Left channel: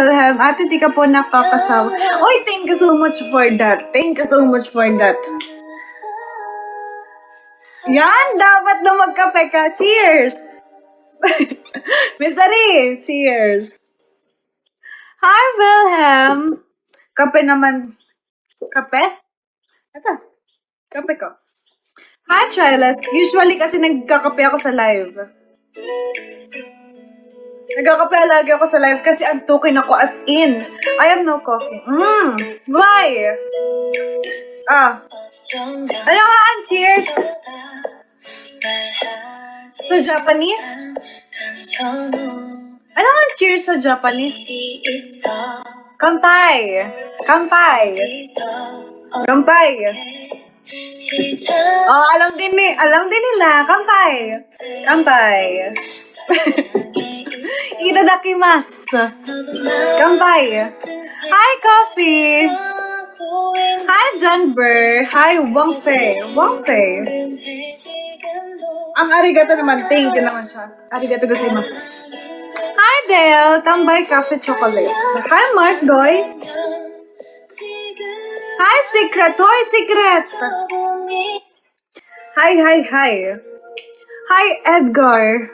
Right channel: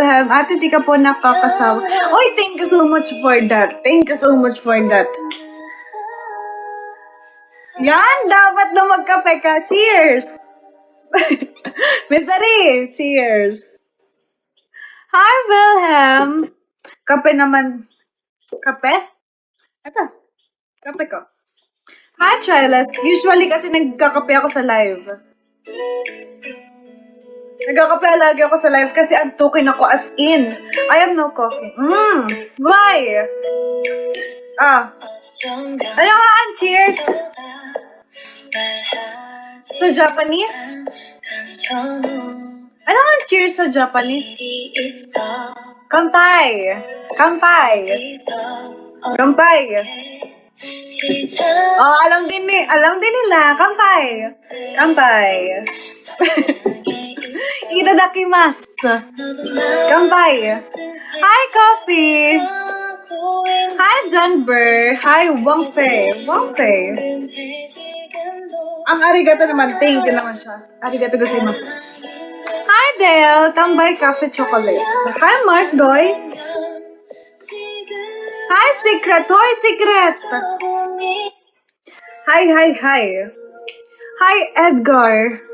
Salam. Ate ka po nakakasama. Oy, thank you so much for that. Thank you so much for that. Yan, dapat na magkape ka. Cheers! Miss Marie, cheers! Hi, Wilhelm! Kape naman. Kape? Ito. Kape ko. Hi, Charles. Usually kasi nagkakape ako sa live. Nagkakape lagi ako sa live kasi antukin ako as in. Ay, ano ko? Why? Ano? Cheers! Sa Japanese? Ano nga cheers sa Japanese? Kanpai! Kanpai! Kanpai! Oh, alam din na. Kanpai! Kanpai! Itadakimasu! Kanpai! Hi, Coffee! Hi, Junber! Hi, Wongfei! Wongfei! Arigato naman. Thank you naman. Arigato naman. Hi, Del! Tambay Cafe Chocolate. Hi, Mardoy! Hi, Secret! Hoy, Secret! Hi! Hi, Edgar!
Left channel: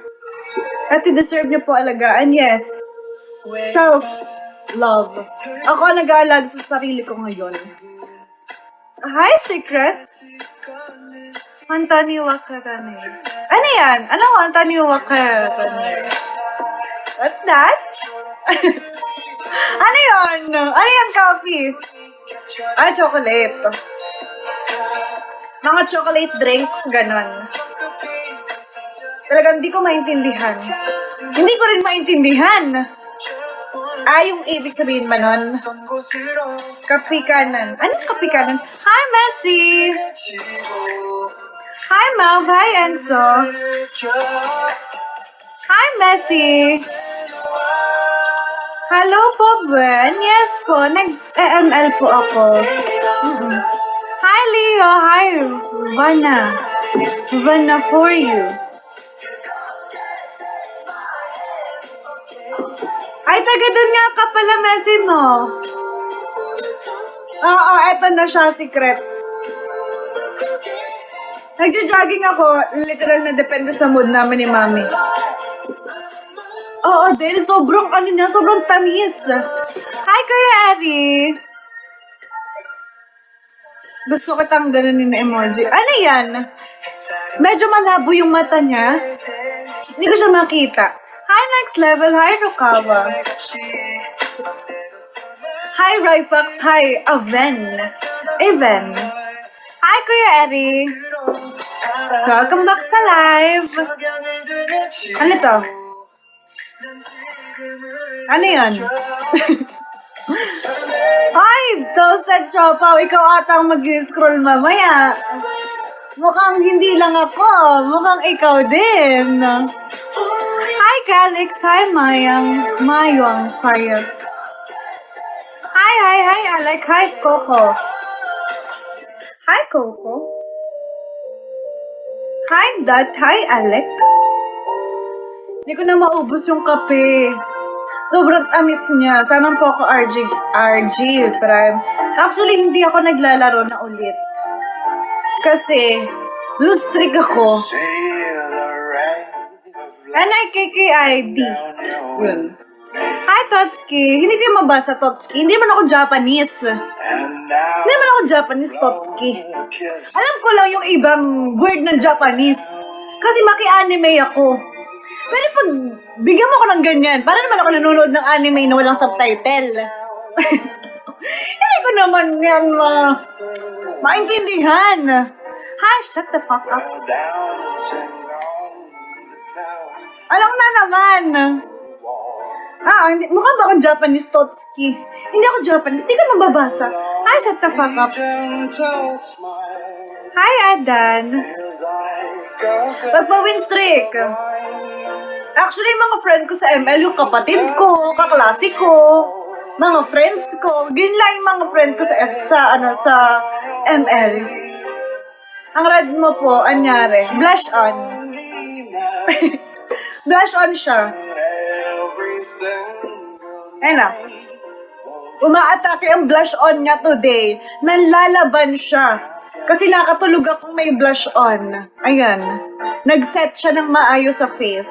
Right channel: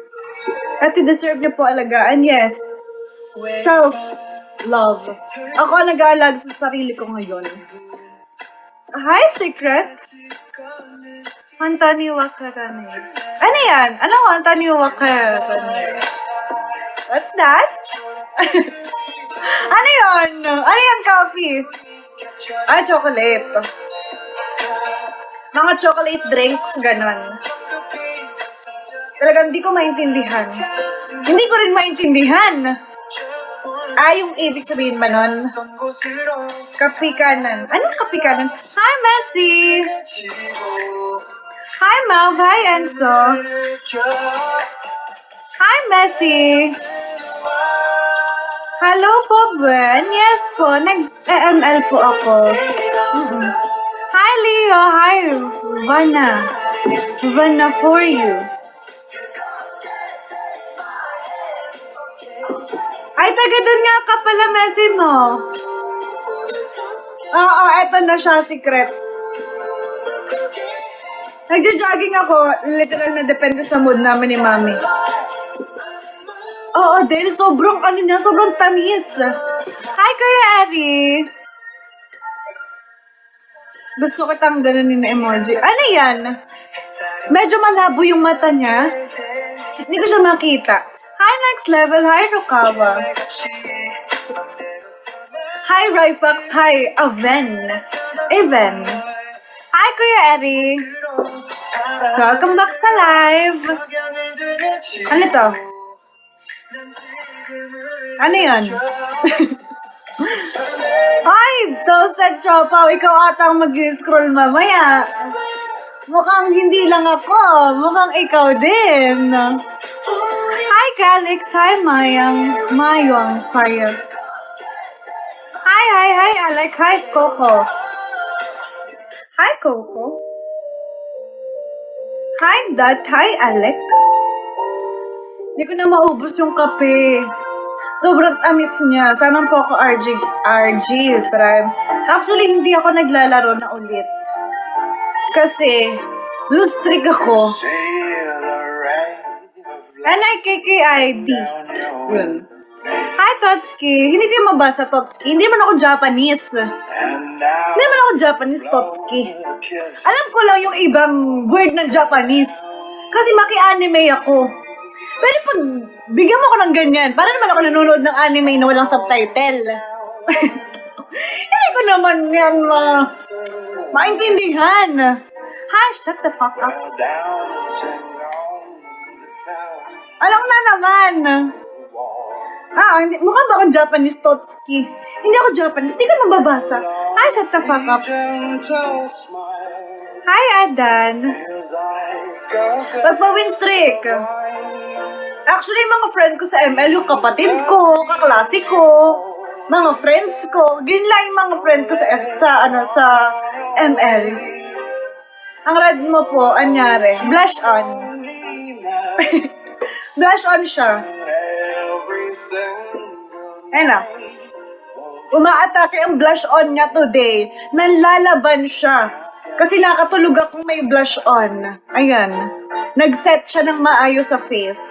At i-deserve niyo po alagaan, yes. Self-love. Ako nag-alag sa sarili ko ngayon. Hi, Secret! Hantaniwa ka. Ano yan? Ano ko hantaniwa ka? What's that? Ano yan? Ano yan, coffee? Ay, chocolate. Mga chocolate drinks, gano'n. Talaga, hindi ko maintindihan. Hindi ko rin maintindihan. Ay, yung ibig sabihin pa nun. Kapikanan. Anong kapikanan? Hi, Messi! Hi, Mom! Hi, Enzo! Hi, Messi! Hello po, Ben! Yes po, nag-ML po ako. Hi, Leo! Hi, Vanna! Vanna for you! Ay, nagdadala ka pala natin, no? Oo, eto na siya, Secret. Nag-jaggy ako, literal depende sa mood namin ni Mami. Oo, dahil sobrang tamis. Hi, Kuya Adi! Gusto ko lang gano'n yung emoji. Ano yan? Medyo malabo yung mata niya. Hindi ko siya makita. Hi, next level. Hi, Rukaba. Hi, Ryback. Hi, Aven. Even. Hi, Kuya Adi! Welcome back sa live! Ano to? Ano yan? Hi! Dog sa chopa! Ikaw ata mag-scroll mamaya! Mukhang hindi lang ako! Mukhang ikaw din! Hi, Calix! Hi, Mayong! Fire! Hi, Alex! Hi, Coco! Hi, Coco! Hi, Dad! Hi, Alex! Hindi ko na maubos yung kape. Sobrang amis niya. Parang po RG. Actually, hindi ako naglalaro na ulit. Kasi, lose streak ako. Ano yung KKID? Hi, Totski! Hindi mo mabasa, Totski. Hindi naman ako Japanese. Hindi naman ako Japanese, Totski. Alam ko lang yung ibang word na Japanese. Kasi maki-anime ako. Pwede mo, bigyan mo ko ng ganyan. Parang ako nanonood ng anime na walang subtitle. Hindi ko naman yan, maintindihan. Ha? Shut the fuck up. Alam mo naman. Mukha ka bang Japanese, Totski? Hindi ako Japanese. Hindi ka mababasa. Hi, shut the fuck up. Hi, Edan. Pag-win trick. Actually, mga friends ko sa ML, yung kapatid ko, kaklase ko, mga friends ko, bilang mga friends ko sa ML. Ang red mo po, anyari, blush on. Blush on siya. Ayun na. Umaatake yung blush on niya today. Nanlalaban siya. Kasi nakatulog ako may blush on. Ayan. Nag-set siya ng maayos sa face.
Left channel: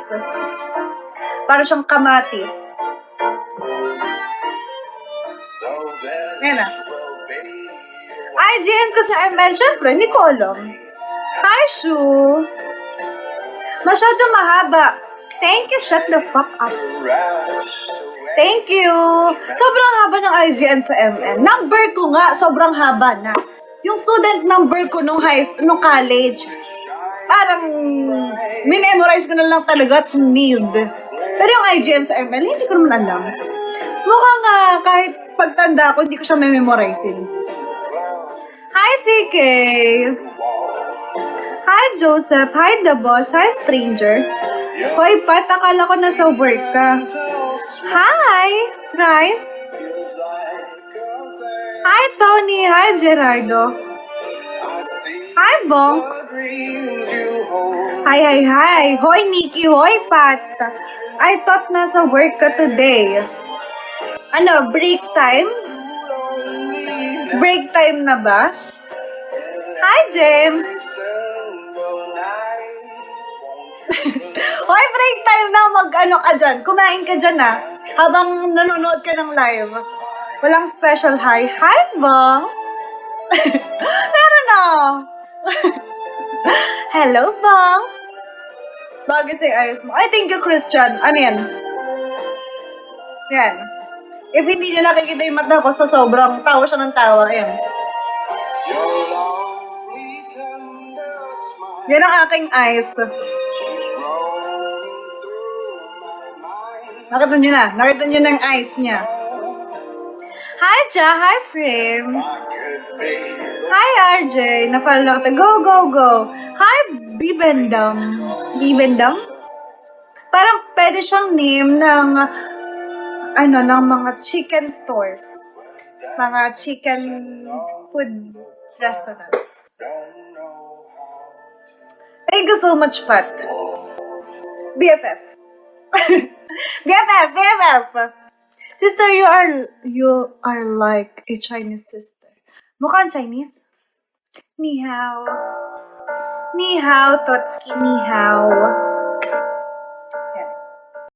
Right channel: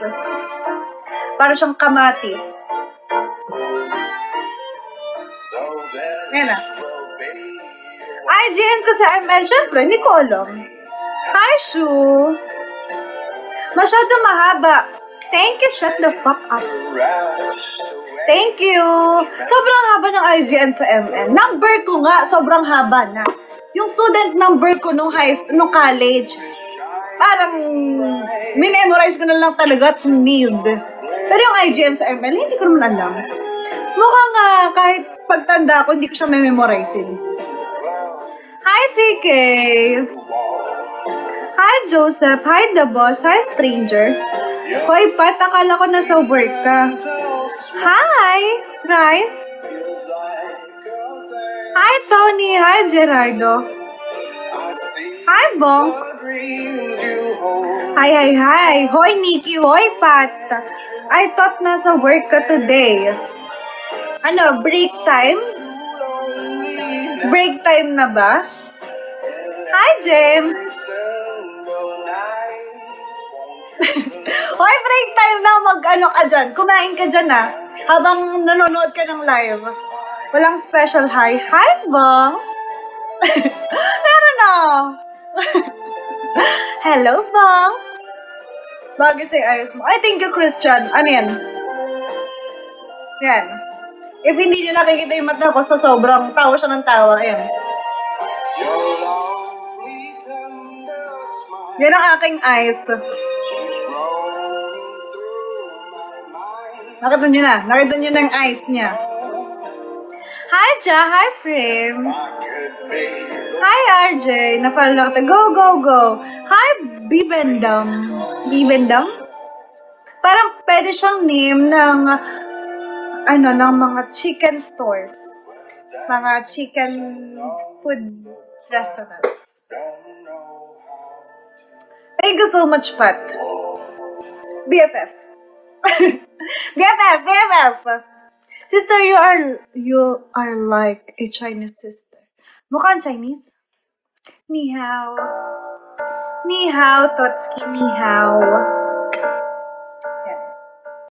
Para siyang kamatis. Ayan na. Ay, dito sa syempre, hindi ko alam. Hi, Shu. Masyado mahaba. Thank you, shut the fuck up. Thank you. Sobrang haba ng IGSMN. Number 2 nga, sobrang haba na. Yung student number ko nung college, parang minimemorize na lang talaga at need. Pero yung IGSMN, hindi ko na lang. Mukha nga, kahit pagtanda ko, hindi siya memorize. Hi, TK! Hi, Joseph! Hi, The Boss! Hi, Stranger! Hoy, ba't akala ko na sober ka? Hi! Rice! Hi, Tony! Hi, Gerardo! Hi, Bong! Hi! Hoy, Nikki! Hoy, Pat! I thought na sober ka today. Ano, break time? Break time na ba? Hi, James! Hoy, break time na mag-ano ka dyan. Kumain ka dyan na. Habang nanonood ka ng live. Walang special hi. Hi, Bong! Hello! Hello, Bong! Bakit si Erin? I think you, Christian. Ano yan? Yan. If hindi nila kami hindi naman ako sa sobrang tawa siya ng tawa. Yan. Yan ang ating eyes. Nakita niyo na. Nakita niyo na ng eyes niya. Hi, Ja! Hi, Prim! Hi, RJ! Napalala ka. Go! Hi, Bibendam! Bibendam? Parang pwede siyang name ng ng mga chicken stores. Mga chicken food restaurant. Thank you so much, Pat. BFF. BFF! Sister, you are like a Chinese sister. Mukhang Chinese? Ni hao. Ni hao, Totski, ni hao.